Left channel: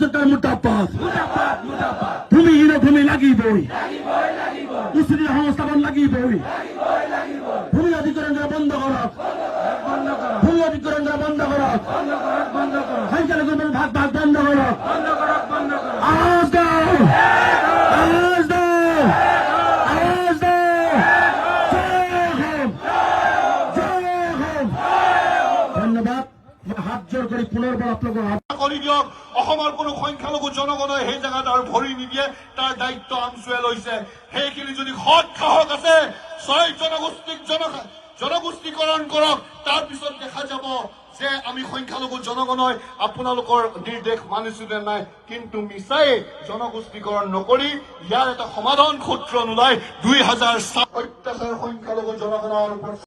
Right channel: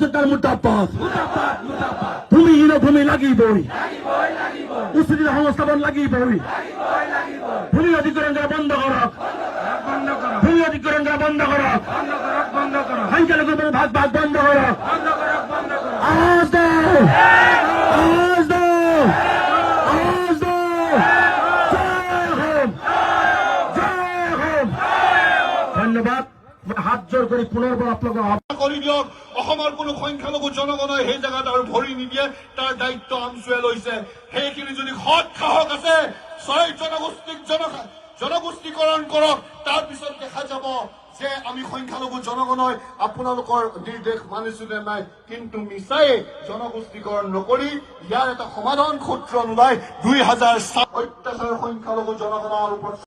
সরকার মুর্দাবাদ ভূমিহীন ভূমি লাগিবই উচিত সংস্থাপন লাগিবই ভূমি অধিগ্রহণ বন্ধ করক ভূমি অধিগ্রহণ বন্ধ করক সংখ্যালঘুর মধ্যে ভাগ ভাগ বন্ধ করক আওয়াজ দাও আওয়াজ দাও আওয়াজ দাও জয় হোক জয় হোক ধন্যবাদ হাত জোর করে পুনর্বার আপনাকে কৰি দিয়ক অসমৰ কোনো সংখ্যালঘু জনগণই সেই জেগাত আৰু ভৰি নিদিয়ে তাৰ দায়িত্ব আমচুৱে লৈছে সেইখিনি যদি সৎ সাহস আছে ছয় জনগোষ্ঠীকৰণ কৰক তাৰপিছত দেখা যাব যে আমি সংখ্যালঘু জনগণই আপোনালোকৰ নিৰ্দেশ মানিছো নে নাই কিন্তু মিছাই জনগোষ্ঠীকৰণ নকৰি ইয়াৰ এটা সমাধান সূত্ৰ নোলাই 2007 অত্যাচাৰ সংখ্যালঘু জনগণৰ ওপৰত